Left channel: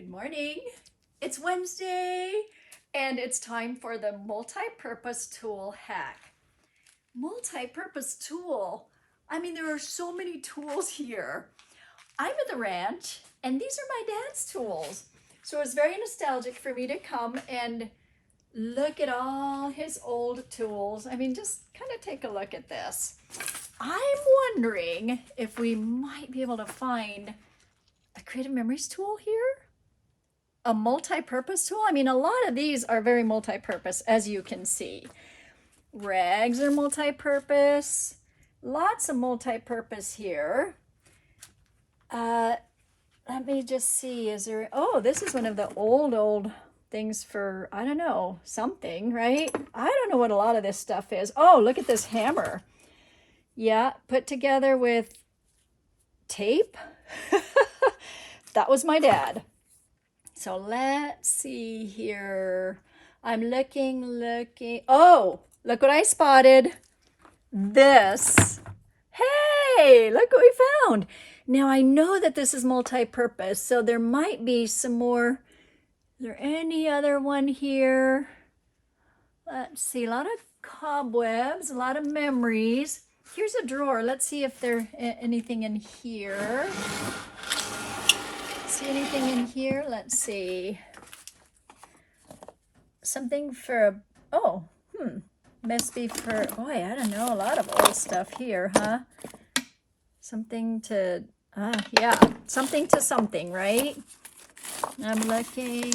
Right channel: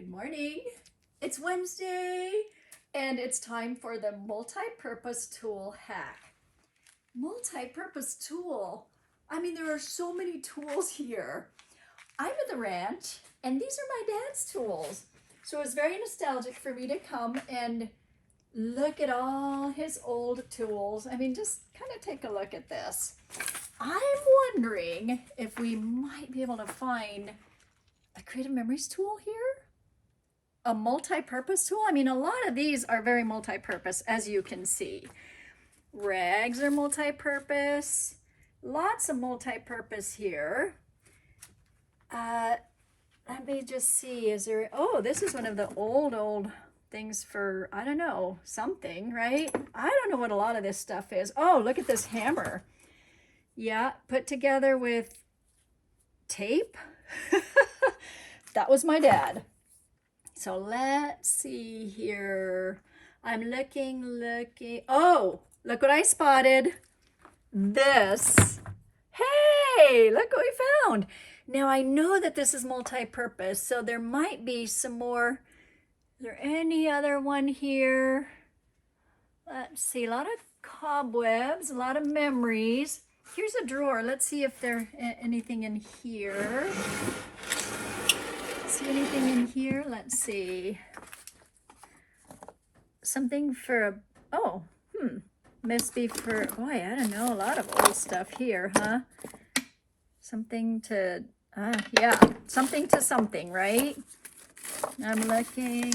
Good morning. It's Wednesday and it's time for the multi-purpose tool hack. Multi-purpose tool. I mean, there are so many tools here. I'm at the ranch and these are my dad's tools. So it's very nostalgic for me to come and look at all his old tools. I mean, just kind of take a look at this. I'm wondering if we might be able to find a creative memories tool here. A multi-purpose tool. I mean, a lot of these are very multi-purpose, as you can see. Rags are multi-purpose. Lots of multi-purpose here. Let me just see, is there, oh, this is one of the old things for, I don't know, something, right? I don't know what a lot of this stuff is. Oh, look at this hammer. Yeah, put together with tape. That was my dad. So let's see here. I'm looking. Oh, look what I spotted. This. Hey, look what we found. Now I know that this is multi-purpose, so there might be some more. Is there any other one here? Let's see, a lot of cobwebs, a lot of memories. Here's a drawer. Let's see if there's anything in here. See anything in here? Let's see. Something for, oh, must be for, boy, I don't know, a lot of old stuff here, huh? Something to, yeah, something to something, right? I'm looking.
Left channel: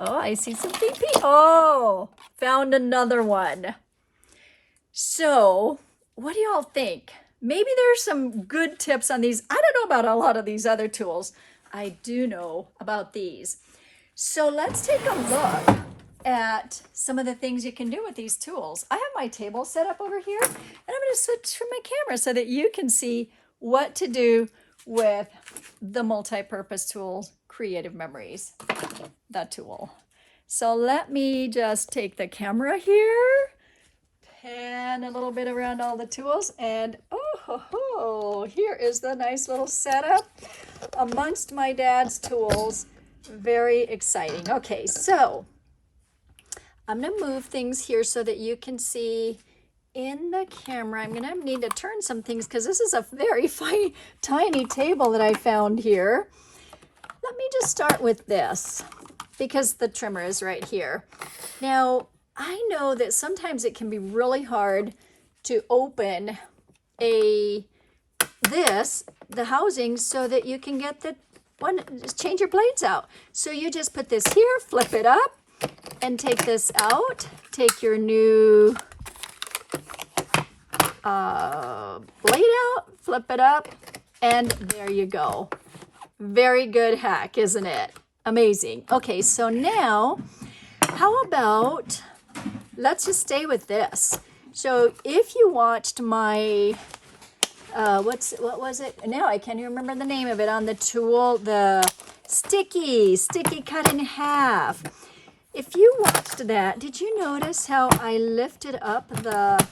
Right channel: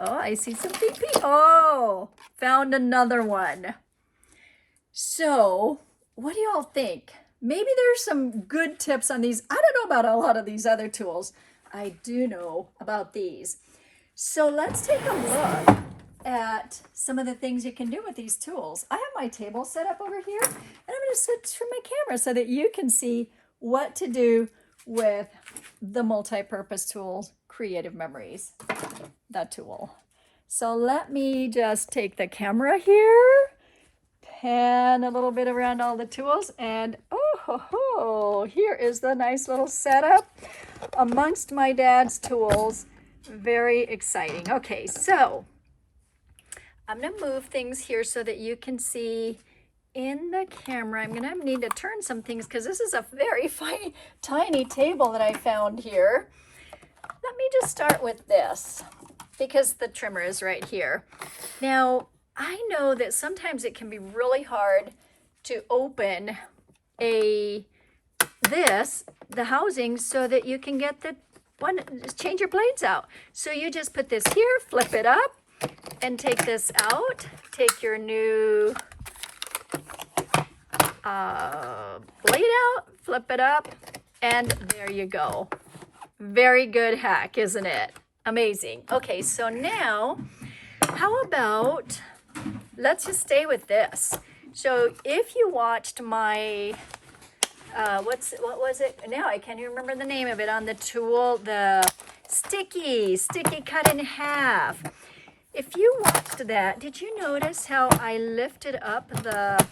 Oh, I see some PP. Oh, found another one. So, what do y'all think? Maybe there's some good tips on these. I don't know about a lot of these other tools. I do know about these. So let's take a look at some of the things you can do with these tools. I have my table set up over here, and I'm going to switch from my camera so that you can see what to do with the multi-purpose tools, Creative Memories, the tool. So let me just take the camera here, pan a little bit around all the tools, and here is the nice little setup amongst my dad's tools. Very exciting. Okay, so I'm going to move things here so that you can see in the camera. I'm going to need to turn some things because this is a very tiny table that I found here. Let me just start with this because the trimmer is right here. Now, I know that sometimes it can be really hard to open the housing so that you can get the one, change your blades out. So you just put this here, flip it up, and take this out. Take your new blade out, flip it up, and there you go. Very good hack, isn't it? Amazing. Okay, so now, how about, let's just stay with this. So if you watched my, what was it? Now I can't even remember the name of it on the tool, the sticky cut in half. If you watched that, did you notice how I lifted up the,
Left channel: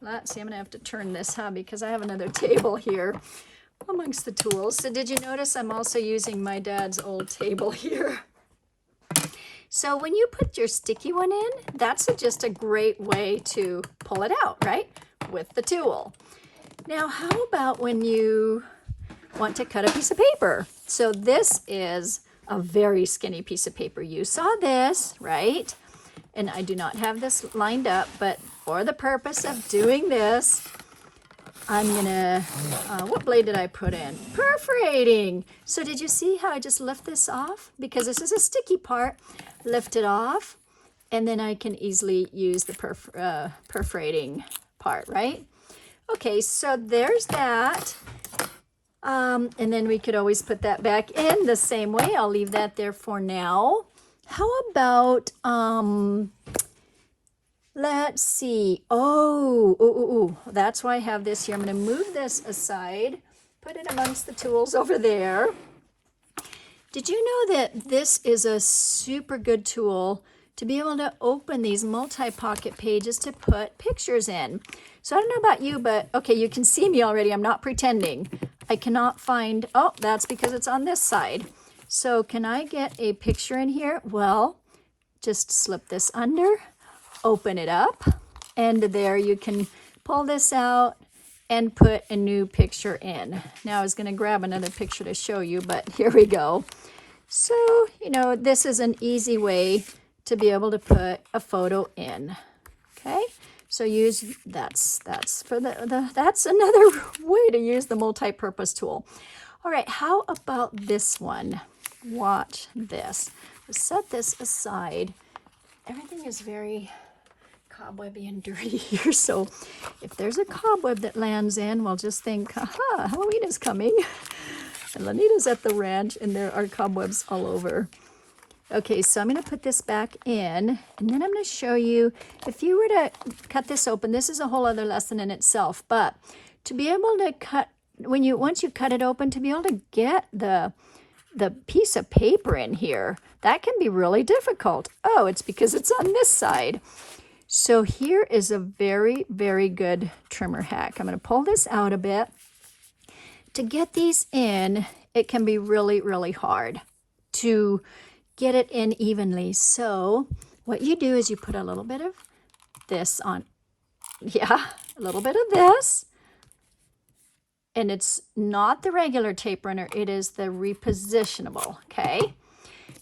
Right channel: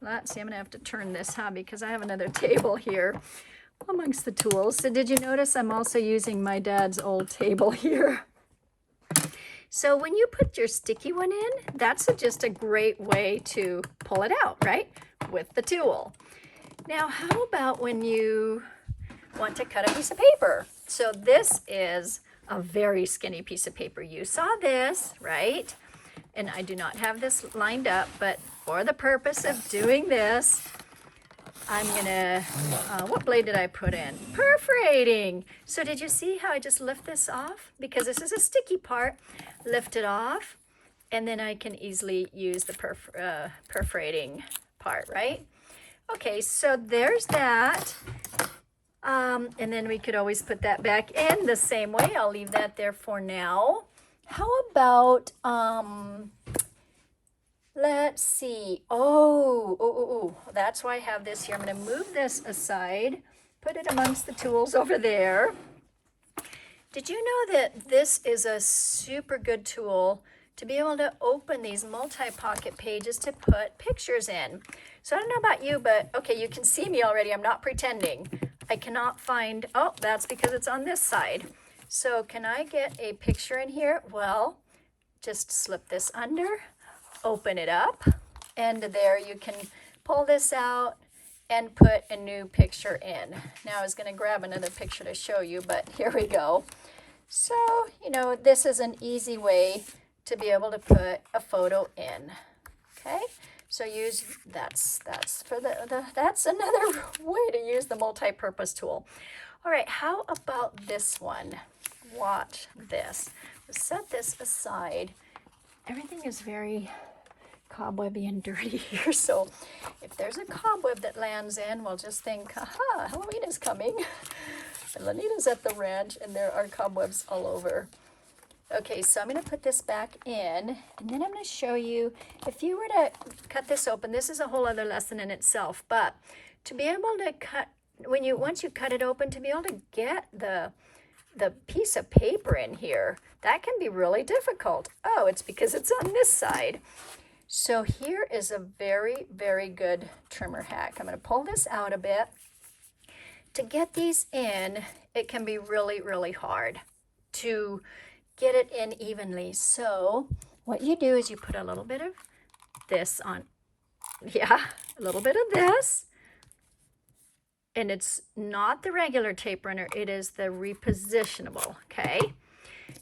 let's see, I'm gonna have to turn this, because I have another table here amongst the tools. So did you notice I'm also using my dad's old table here? So when you put your sticky one in, that's just a great way to pull it out, right? With the tool. Now, how about when you want to cut a piece of paper? So this is a very skinny piece of paper. You saw this, right? And I do not have this lined up, but for the purpose of doing this, I'm gonna, what blade did I put in? Perforating. So did you see how I just lift this off? Because this is a sticky part, lift it off, and then I can easily use the perforating part, right? Okay, so there's that. And then we could always put that back in the same way. I'll leave that there for now. How about, let's see. That's why I have this here. I'm going to move this aside, put it amongst the tools over there. Did you know that this is a super good tool to be able to open these multi-pocket pages to put pictures in? So I don't know about you, but okay, you can see me already. I'm not pretending. I I cannot find, oh, that's because it's on this side. So can I get a picture in here? Well, just slip this under, open it up, and there you can pull this out and put a new picture in. Now I was going to grab another picture to show you, but here we go. So, you know, this is an easy way to be able to put a photo in. Okay, so use that's for that's another way to use the multi-purpose tool. All right, how about this one? Watch this. Set this aside. Everything is very cobwebby and dirty here, so if there's a cobweb that lands in, we'll just think, aha, Halloween is coming. And Lanita's at the ranch, and there are cobwebs all over. Okay, so I'm going to put this back in, and then I'm going to show you, if you were to cut this open, this is a whole other lesson in itself, but to be able to cut, once you cut it open, to be able to get the piece of paper in here, that can be really difficult. Oh, it's because it's on this side. So here is a very, very good trimmer hack. I'm going to pull this out a bit. To get these in, it can be really, really hard to get it in evenly. So what you do is you put a little bit of this on. Yeah, a little bit of this. And it's not the regular tape runner, it is the repositionable, okay?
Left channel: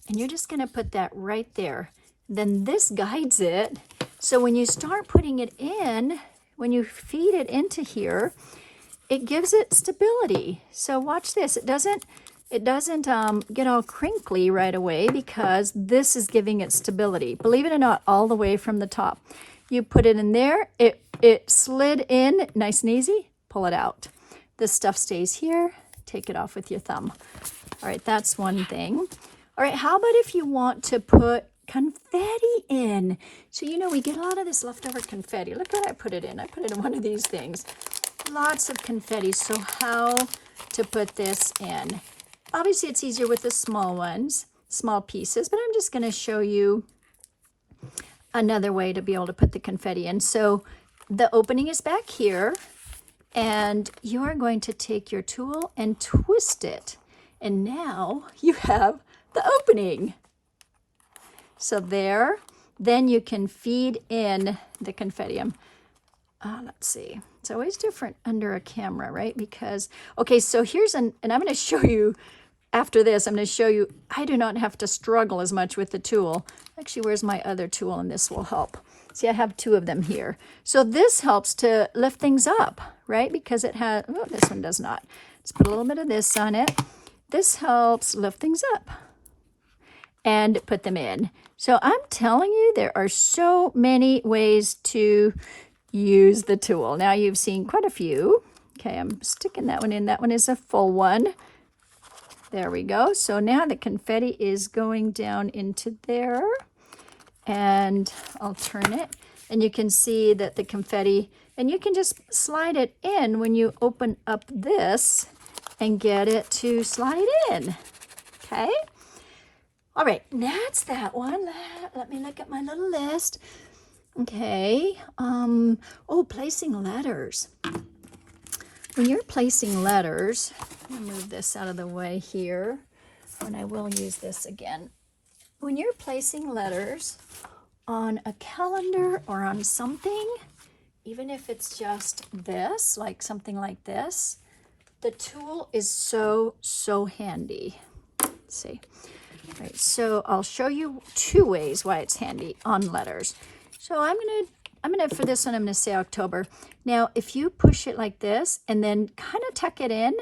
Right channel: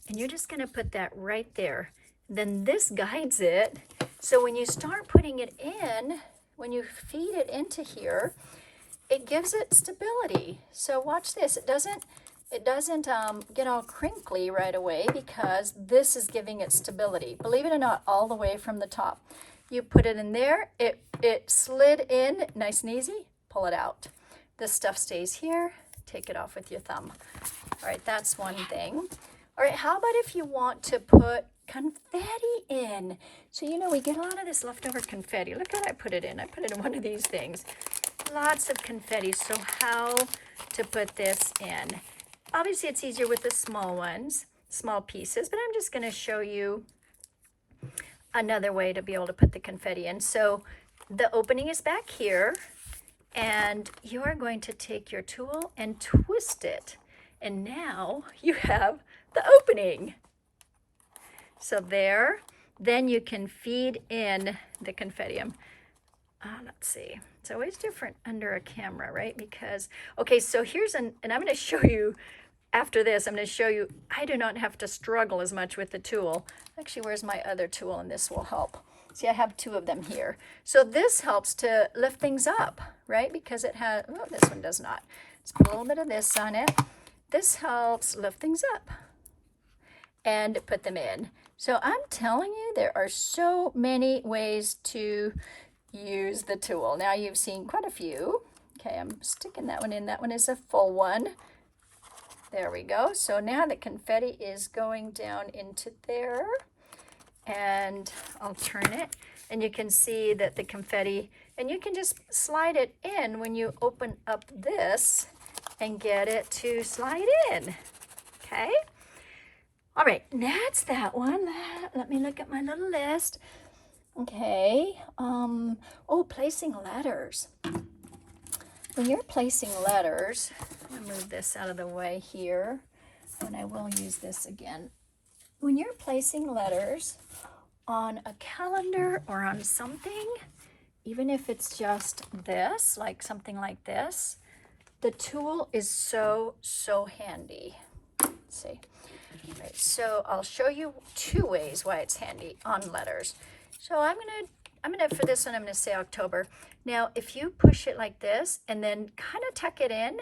And you're just gonna put that right there. Then this guides it. So when you start putting it in, when you feed it into here, it gives it stability. So watch this, it doesn't get all crinkly right away because this is giving it stability. Believe it or not, all the way from the top. You put it in there, it slid in nice and easy, pull it out. This stuff stays here, take it off with your thumb. All right, that's one thing. All right, how about if you want to put confetti in? So, you know, we get a lot of this leftover confetti. Look what I put it in. I put it in one of these things. Lots of confetti. So how to put this in? Obviously, it's easier with the small ones, small pieces, but I'm just going to show you another way to be able to put the confetti in. So the opening is back here, and you are going to take your tool and twist it. And now you have the opening. So there, then you can feed in the confetti. Let's see. It's always different under a camera, right? Because, okay, so here's and I'm going to show you, after this, I'm going to show you, I do not have to struggle as much with the tool. Actually, where's my other tool? And this will help. See, I have two of them here. So this helps to lift things up, right? Because it has, oh, this one does not. Let's put a little bit of this on it. This helps lift things up and put them in. So I'm telling you, there are so many ways to use the tool. Now you've seen quite a few. Okay, I'm sticking that one in. That one is a full one. There we go. So now the confetti is going down into there. And I'll turn it. And you can see that the confetti, and you can just slide it in when you open up this and get it to slide in. Okay? All right, that's that one. Let me look at my little list. Okay. Oh, placing letters. When you're placing letters, I'm going to move this out of the way here, and I will use this again. When you're placing letters on a calendar or on something, even if it's just this, like something like this, the tool is so, so handy. Let's see. All right, so I'll show you two ways why it's handy on letters. So I'm gonna for this one, I'm gonna say October. Now, if you push it like this and then kind of tuck it in,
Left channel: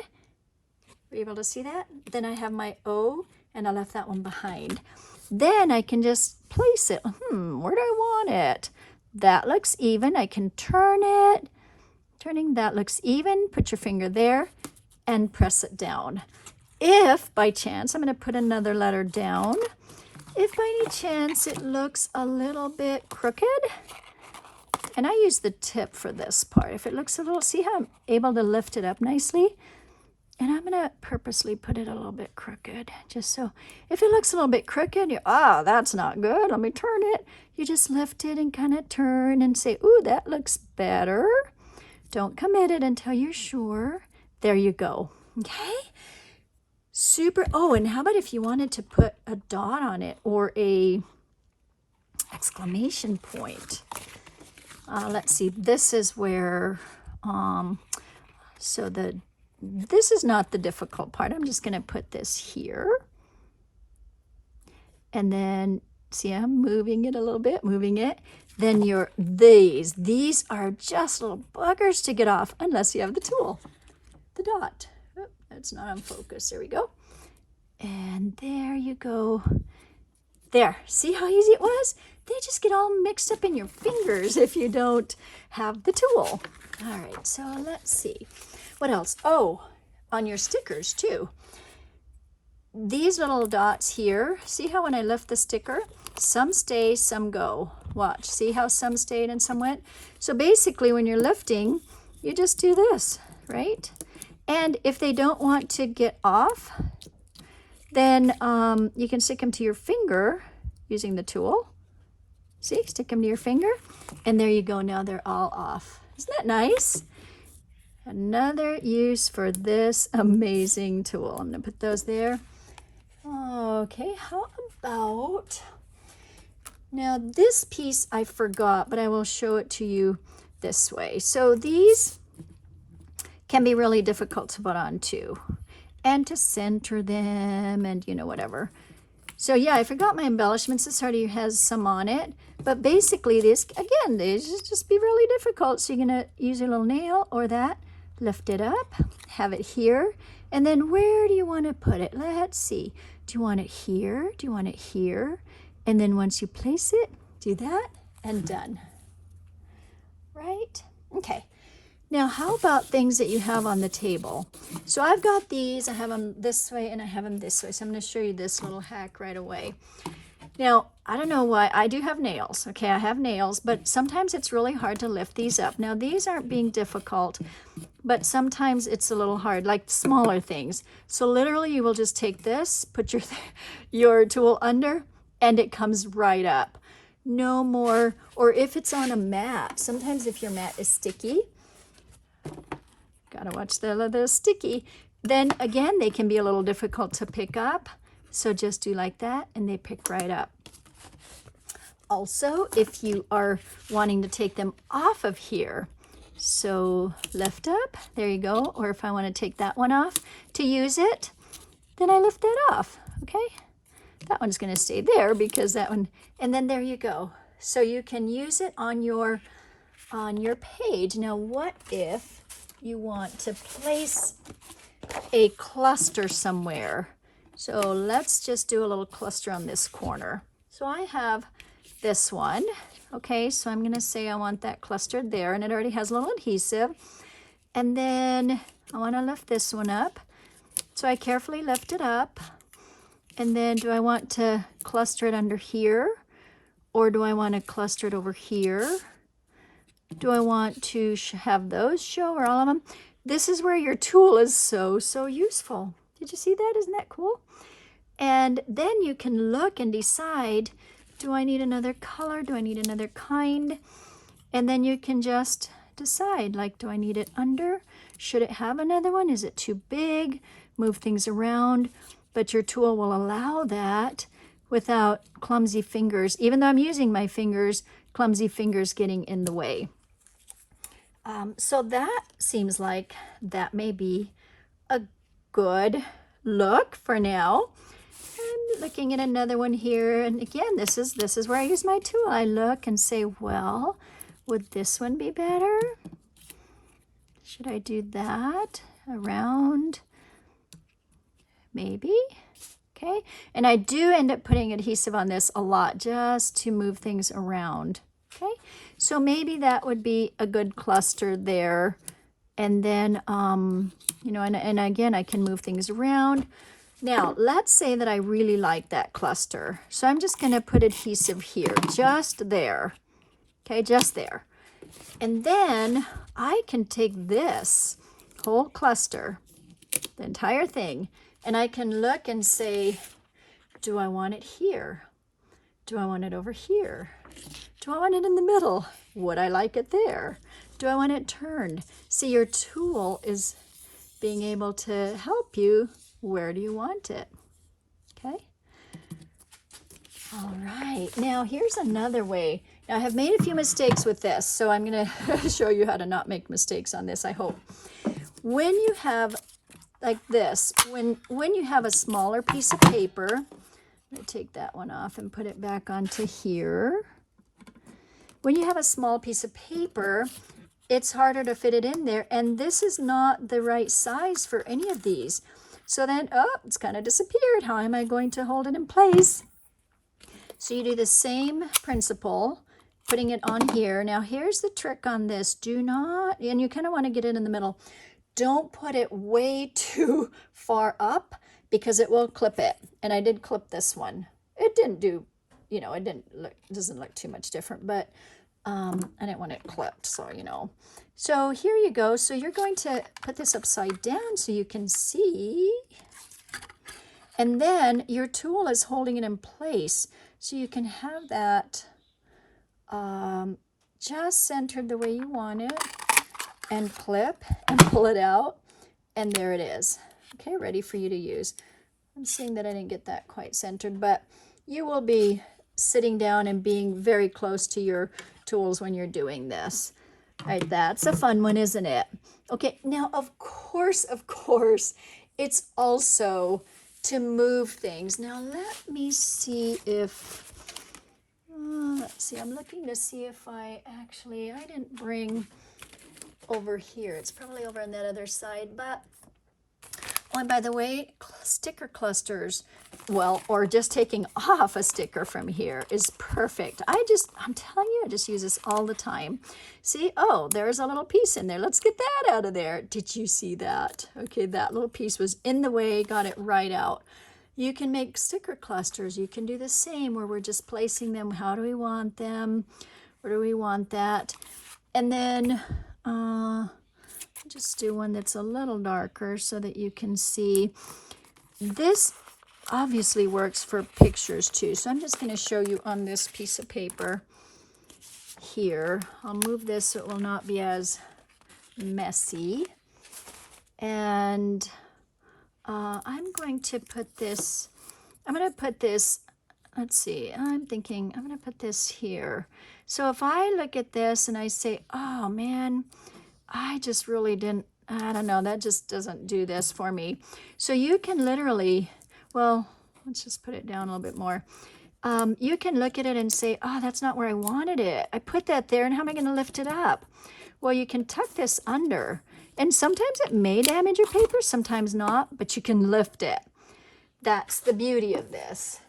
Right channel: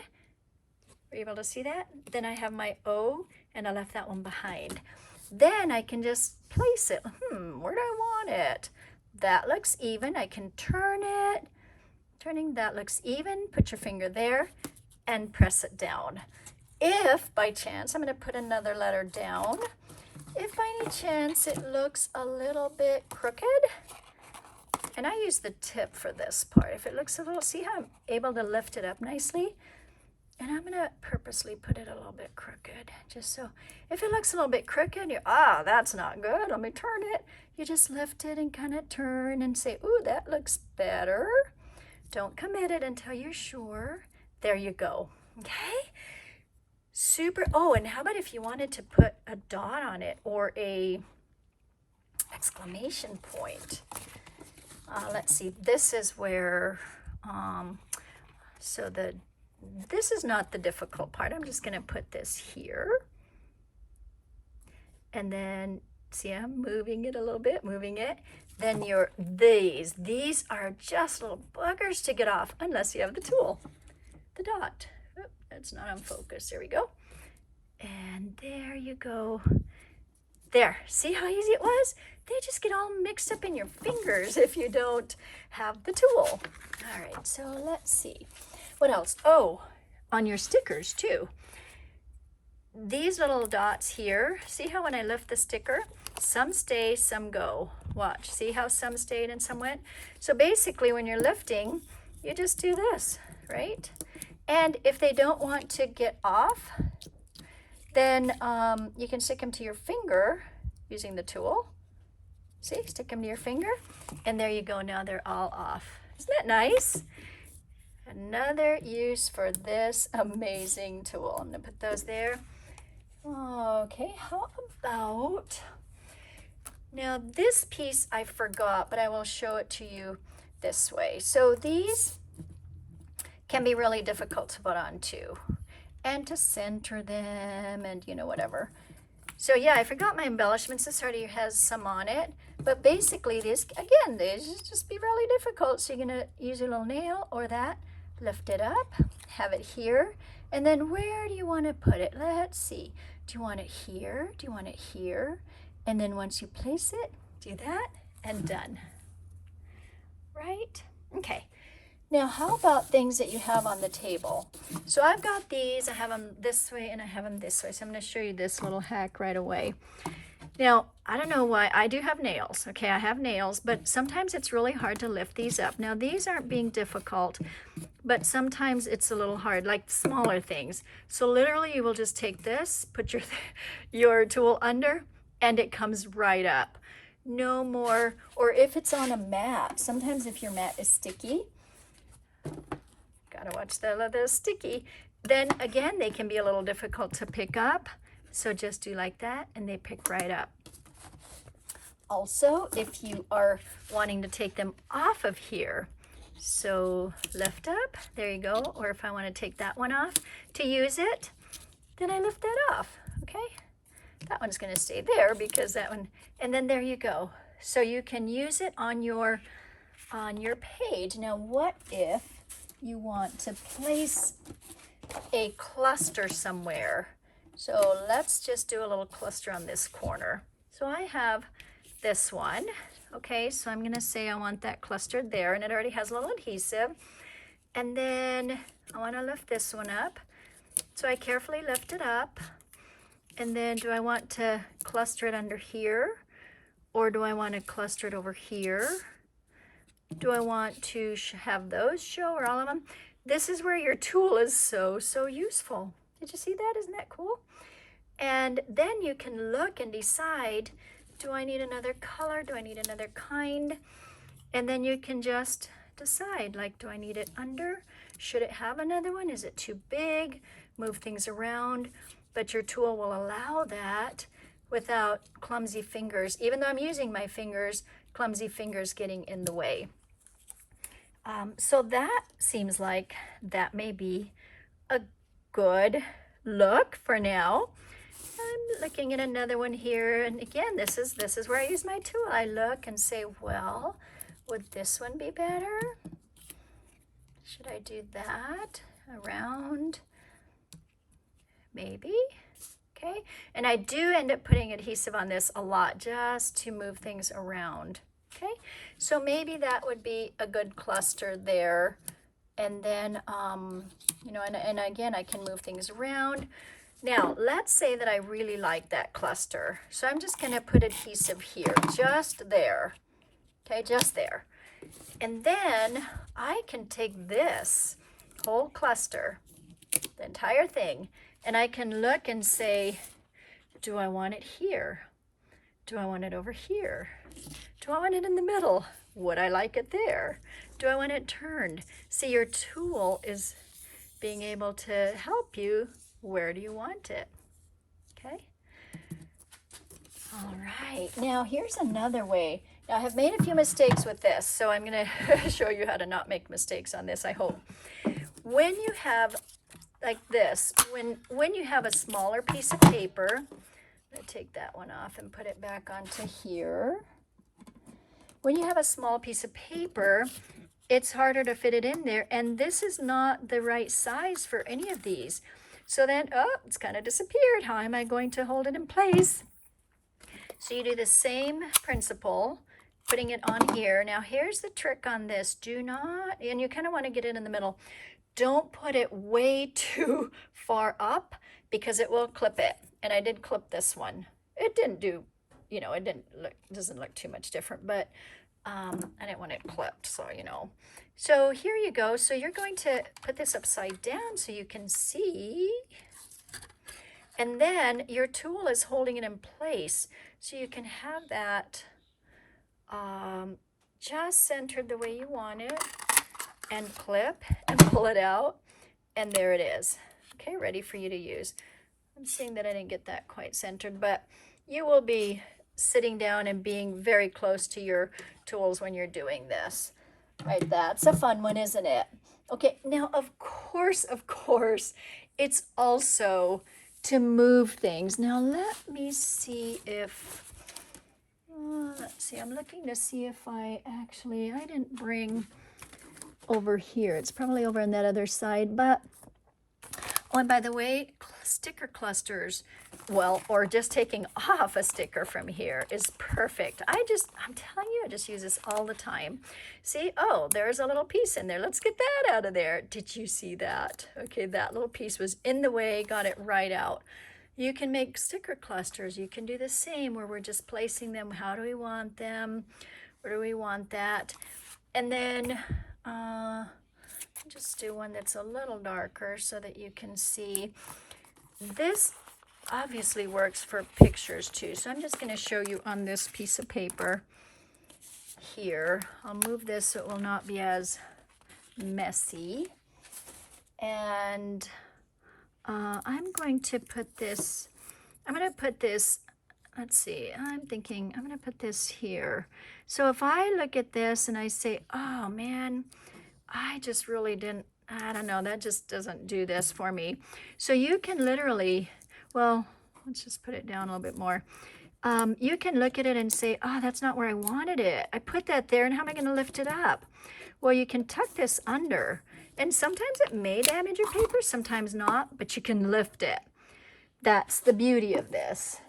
are you able to see that? Then I have my O, and I left that one behind. Then I can just place it. Where do I want it? That looks even. I can turn it. Turning that looks even. Put your finger there and press it down. If by chance, I'm going to put another letter down. If by any chance it looks a little bit crooked, and I use the tip for this part. If it looks a little, see how I'm able to lift it up nicely? And I'm going to purposely put it a little bit crooked, just so if it looks a little bit crooked, that's not good, let me turn it. You just lift it and kind of turn and say, ooh, that looks better. Don't commit it until you're sure. There you go. Okay? Super. Oh, and how about if you wanted to put a dot on it or a exclamation point? Let's see. This is where, this is not the difficult part. I'm just going to put this here. And then, see, I'm moving it a little bit, moving it. Then these are just little buggers to get off unless you have the tool, the dot. Oh, it's not on focus. There we go. And there you go. There, see how easy it was? They just get all mixed up in your fingers if you don't have the tool. All right, so let's see. What else? Oh, on your stickers too. These little dots here, see how when I lift the sticker, some stay, some go. Watch, see how some stayed and some went? So basically when you're lifting, you just do this, right? And if they don't want to get off, then you can stick them to your finger using the tool. See, stick them to your finger, and there you go. Now they're all off. Isn't that nice? Another use for this amazing tool. I'm gonna put those there. Okay, how about, now this piece I forgot, but I will show it to you this way. So these can be really difficult to put on too, and to center them and whatever. So yeah, I forgot my embellishments. This already has some on it, but basically this, again, these just be really difficult. So you're gonna use your little nail or that, lift it up, have it here, and then where do you want to put it? Let's see. Do you want it here? Do you want it here? And then once you place it, do that and done. Right? Okay. Now, how about things that you have on the table? So I've got these. I have them this way and I have them this way. So I'm going to show you this little hack right away. Now, I don't know why. I do have nails. Okay, I have nails, but sometimes it's really hard to lift these up. Now, these aren't being difficult, but sometimes it's a little hard, like smaller things. So literally, you will just take this, put your tool under, and it comes right up. No more, or if it's on a mat, sometimes if your mat is sticky, gotta watch the sticky, then again, they can be a little difficult to pick up. So just do like that and they pick right up. Also, if you are wanting to take them off of here, so lift up, there you go. Or if I want to take that one off to use it, then I lift that off, okay? That one's going to stay there because that one, and then there you go. So you can use it on your page. Now, what if you want to place a cluster somewhere? So let's just do a little cluster on this corner. So I have this one. Okay, so I'm gonna say I want that clustered there, and it already has a little adhesive. And then I wanna lift this one up. So I carefully lift it up. And then do I want to cluster it under here? Or do I want to cluster it over here? Do I want to have those show, or all of them? This is where your tool is so useful. Did you see that? Isn't that cool? And then you can look and decide, do I need another color? Do I need another kind? And then you can just decide, like, do I need it under? Should it have another one? Is it too big? Move things around. But your tool will allow that without clumsy fingers. Even though I'm using my fingers, clumsy fingers getting in the way. So that seems like that may be a good look for now. I'm looking at another one here, and again, this is where I use my tool. I look and say, well, would this one be better? Should I do that around? Maybe. Okay, and I do end up putting adhesive on this a lot just to move things around. Okay, so maybe that would be a good cluster there. And then, you know, and again, I can move things around. Now, let's say that I really like that cluster. So I'm just going to put adhesive here, just there. Okay, just there. And then I can take this whole cluster, the entire thing, and I can look and say, do I want it here? Do I want it over here? Do I want it in the middle? Would I like it there? Do I want it turned? See, your tool is being able to help you. Where do you want it? Okay. All right, now here's another way. Now I have made a few mistakes with this, so I'm going to show you how to not make mistakes on this, I hope. When you have like this, when you have a smaller piece of paper, I'm going to take that one off and put it back onto here. When you have a small piece of paper, it's harder to fit it in there, and this is not the right size for any of these. So then, oh, it's kind of disappeared. How am I going to hold it in place? So you do the same principle, putting it on here. Now here's the trick on this. Do not, and you kind of want to get it in the middle. Don't put it way too far up because it will clip it. And I did clip this one. It didn't do, you know, it doesn't look too much different, but I didn't want it clipped, so you know. So here you go. So you're going to put this upside down so you can see. And then your tool is holding it in place. So you can have that just centered the way you want it, and clip and pull it out, and there it is. Okay, ready for you to use. I'm seeing that I didn't get that quite centered, but you will be sitting down and being very close to your tools when you're doing this. All right, that's a fun one, isn't it? Okay, now of course, it's also to move things. Now let me see if, let's see, I'm looking to see if I didn't bring over here. It's probably over on that other side, but, oh, and by the way, sticker clusters, well, or just taking off a sticker from here is perfect. I'm telling you, I just use this all the time. See, oh, there's a little piece in there. Let's get that out of there. Did you see that? Okay, that little piece was in the way, got it right out. You can make sticker clusters. You can do the same where we're just placing them. How do we want them? Where do we want that? And then just do one that's a little darker so that you can see. This obviously works for pictures too. So I'm just going to show you on this piece of paper here. I'll move this so it will not be as messy. And I'm going to put this, let's see, I'm thinking I'm going to put this here. So if I look at this and I say, oh man, I just really didn't, I don't know, that just doesn't do this for me. So you can literally, well, let's just put it down a little bit more. You can look at it and say, oh, that's not where I wanted it. I put that there, and how am I going to lift it up? Well, you can tuck this under, and sometimes it may damage your paper, sometimes not, but you can lift it. That's the beauty of this.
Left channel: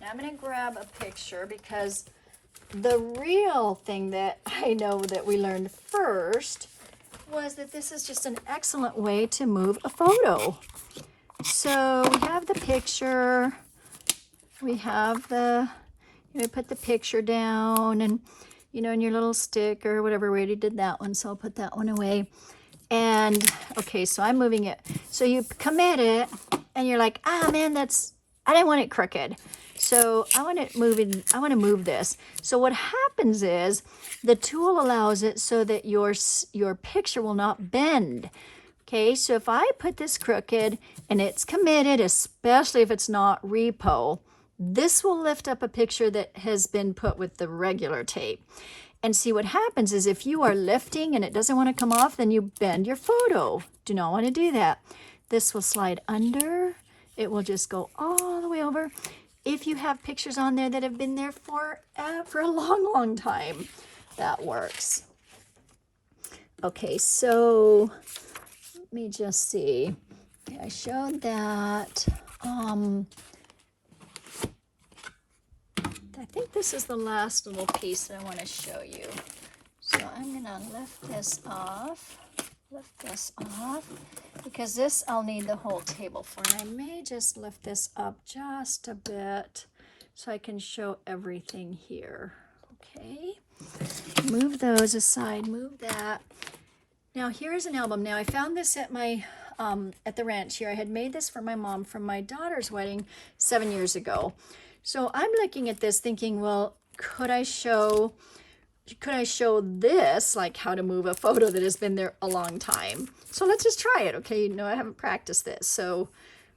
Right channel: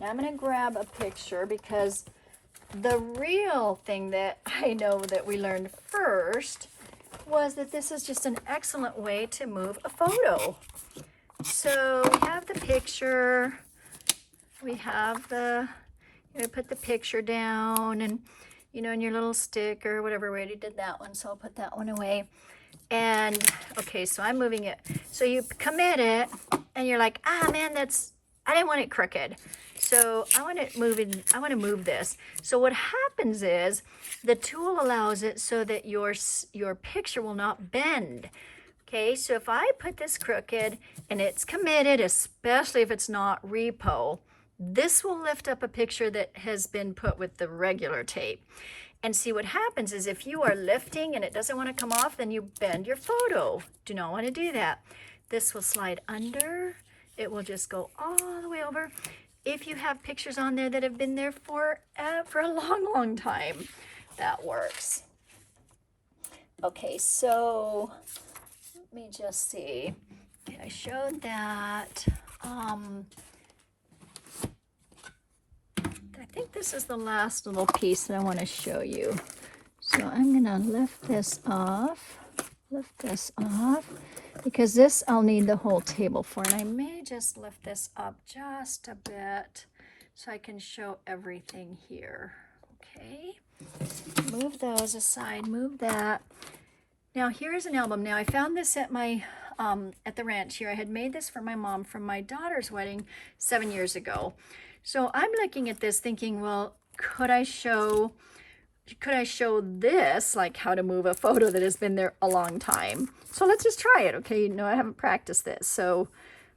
Now I'm going to grab a picture because the real thing that I know that we learned first was that this is just an excellent way to move a photo. So we have the picture, we have the, put the picture down, and in your little stick or whatever. We already did that one, so I'll put that one away. And okay, so I'm moving it. So you commit it, and you're like, ah man, I didn't want it crooked. So I want to move it. I want to move this. So what happens is the tool allows it so that your picture will not bend. Okay, so if I put this crooked and it's committed, especially if it's not repo, this will lift up a picture that has been put with the regular tape. And see, what happens is if you are lifting and it doesn't want to come off, then you bend your photo. Do not want to do that. This will slide under. It will just go all the way over. If you have pictures on there that have been there for a long, long time, that works. Okay, so let me just see. I showed that. I think this is the last little piece that I want to show you. So I'm going to lift this off, because this I'll need the whole table for. And I may just lift this up just a bit so I can show everything here. Okay, move those aside, move that. Now here's an album. Now I found this at my at the ranch here. I had made this for my mom from my daughter's wedding 7 years ago. So I'm looking at this thinking, well, could I show could I show this, like how to move a photo that has been there a long time? So let's just try it, okay? You know, I haven't practiced this, so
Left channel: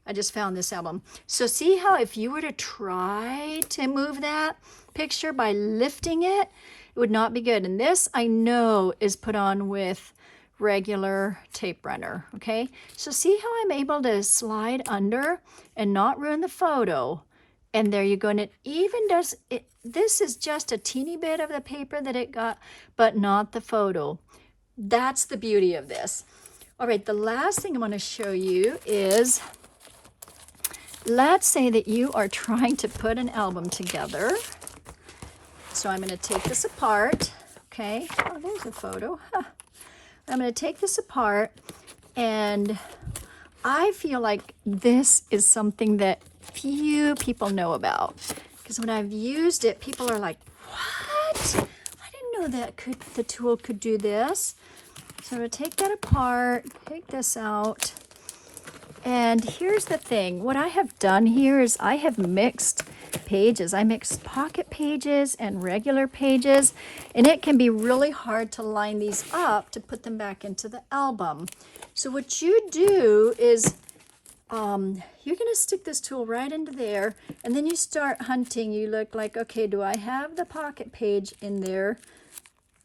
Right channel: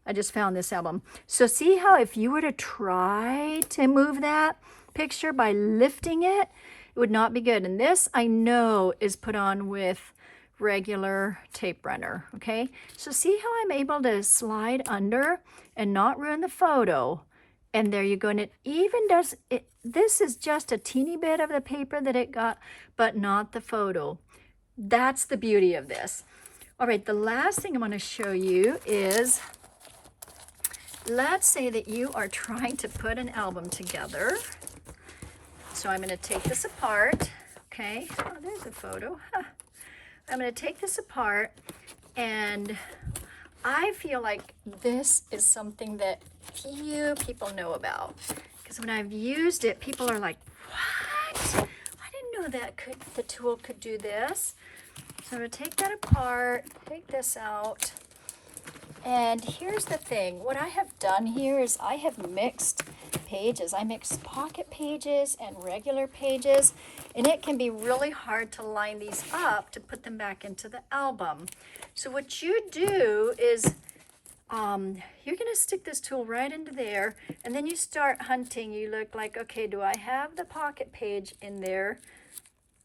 I just found this album. So see how if you were to try to move that picture by lifting it, it would not be good. And this I know is put on with regular tape runner, okay? So see how I'm able to slide under and not ruin the photo. And there you go. And it even does it. This is just a teeny bit of the paper that it got, but not the photo. That's the beauty of this. All right, the last thing I want to show you is, let's say that you are trying to put an album together. So I'm going to take this apart. Okay. Oh, there's a photo. Huh. I'm going to take this apart, and I feel like this is something that few people know about, because when I've used it, people are like, what? I didn't know that the tool could do this. So I'm going to take that apart, take this out. And here's the thing. What I have done here is I have mixed pages. I mixed pocket pages and regular pages, and it can be really hard to line these up to put them back into the album. So what you do is you're going to stick this tool right into there, and then you start hunting. You look like, okay, do I have the pocket page in there?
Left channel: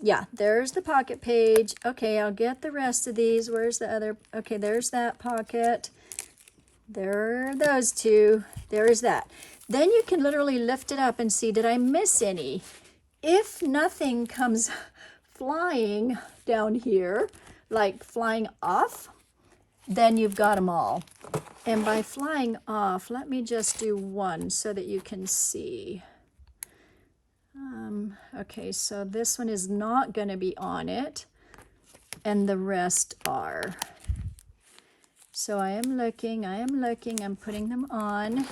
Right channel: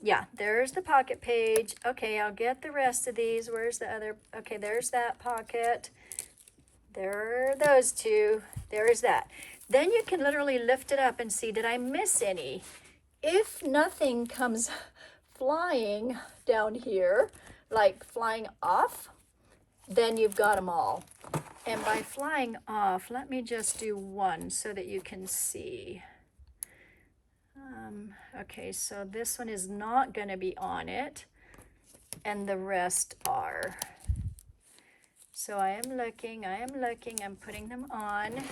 Yeah, there's the pocket page. Okay, I'll get the rest of these. Where's the other? Okay, there's that pocket. There are those two. There is that. Then you can literally lift it up and see, did I miss any? If nothing comes flying down here, like flying off, then you've got them all. And by flying off, let me just do one so that you can see. Okay, so this one is not going to be on it, and the rest are. So I am looking, I'm putting them on,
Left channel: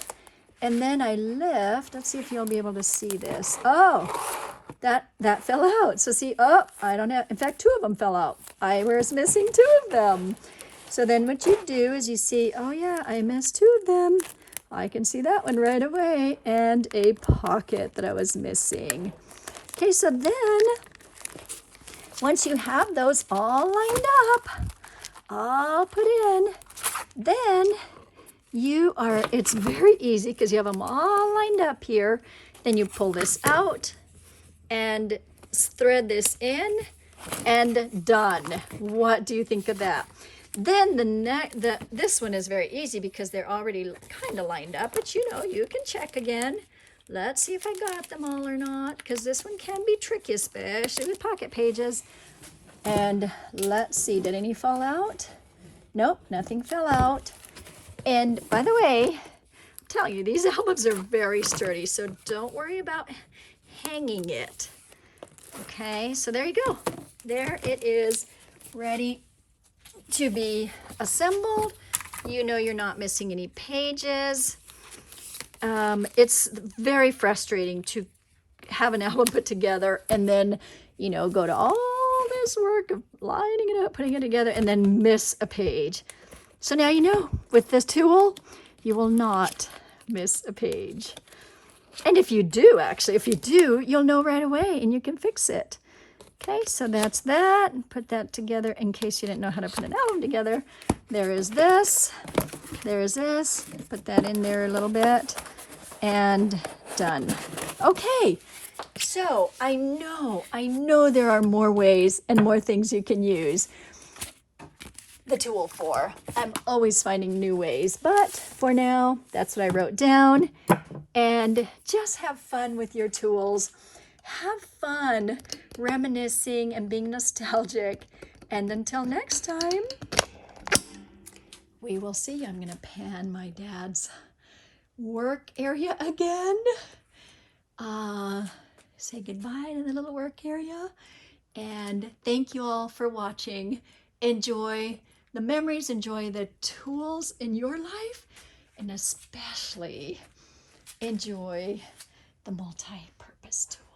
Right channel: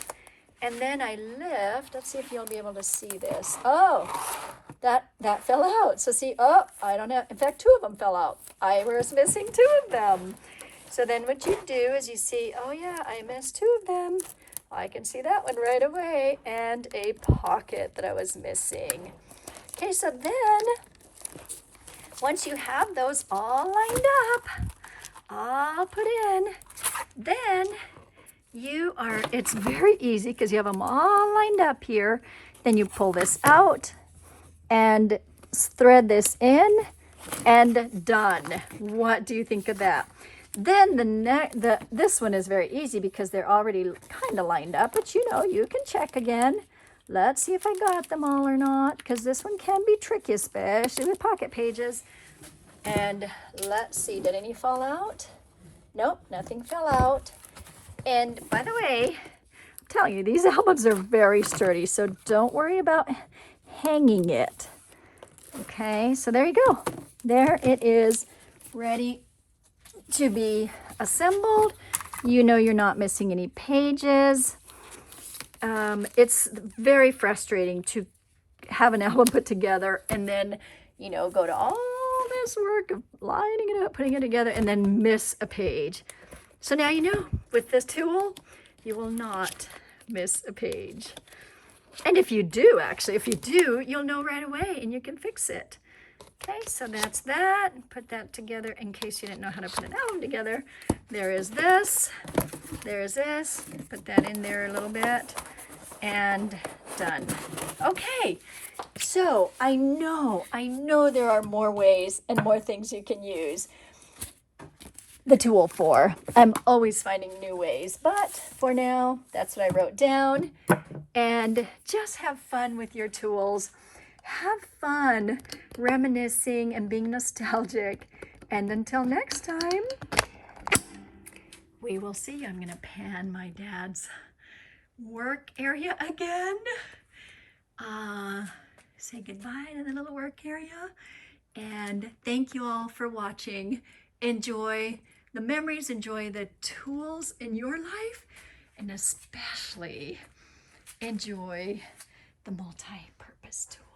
and then I lift. Let's see if you'll be able to see this. Oh, that fell out. So see, oh, I don't have, in fact, 2 of them fell out. I was missing 2 of them. So then what you do is you see, oh yeah, I missed 2 of them. I can see that one right away, and a pocket that I was missing. Okay, so then once you have those all lined up, all put in, then you are, it's very easy because you have them all lined up here. Then you pull this out and thread this in, and done. What do you think of that? Then this one is very easy because they're already kind of lined up, but you know, you can check again. Let's see if I got them all or not, because this one can be tricky, especially with pocket pages. And let's see, did any fall out? Nope, nothing fell out. And by the way, I'm telling you, these albums are very sturdy, so don't worry about hanging it. Okay, so there you go. There it is, ready to be assembled. You know you're not missing any pages. It's very frustrating to have an album put together and then, you know, go to all this work of lining it up, putting it together, and then miss a page. So now you know, with this tool, you will not miss a page. And if you do, actually, if you do, you'll know right away and you can fix it. Okay, so that's that. Put that together in case you didn't know how to put an album together. There is this. There's this. Put that in there a little bit. And done. Okay, so I know there are more ways and more things you can use the tool for. I'm always finding new ways, but for now, that's what I wrote down. And just have fun with your tools. Have fun reminiscing and being nostalgic. And until next time, we will see. I'm going to pan my dad's work area again. Say goodbye to the little work area. And thank you all for watching. Enjoy the memories, enjoy the tools in your life, and especially enjoy the multi-purpose tool.